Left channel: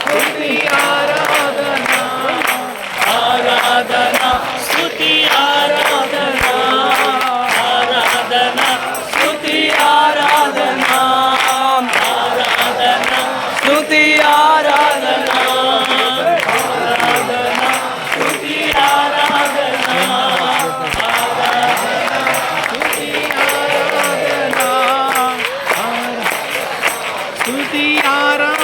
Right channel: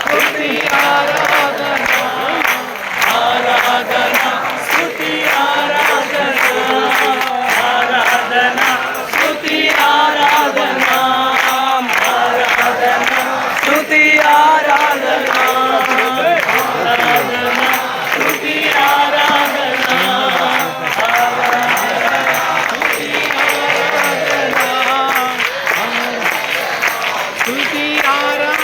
స్తుతి ఆరాధన ఆరాధన స్తుతి ఆరాధన ఆరాధన స్తుతి ఆరాధన ఆరాధన స్తుతి ఆరాధన ఆరాధన స్తుతి ఆరాధన స్తుతి ఆరాధన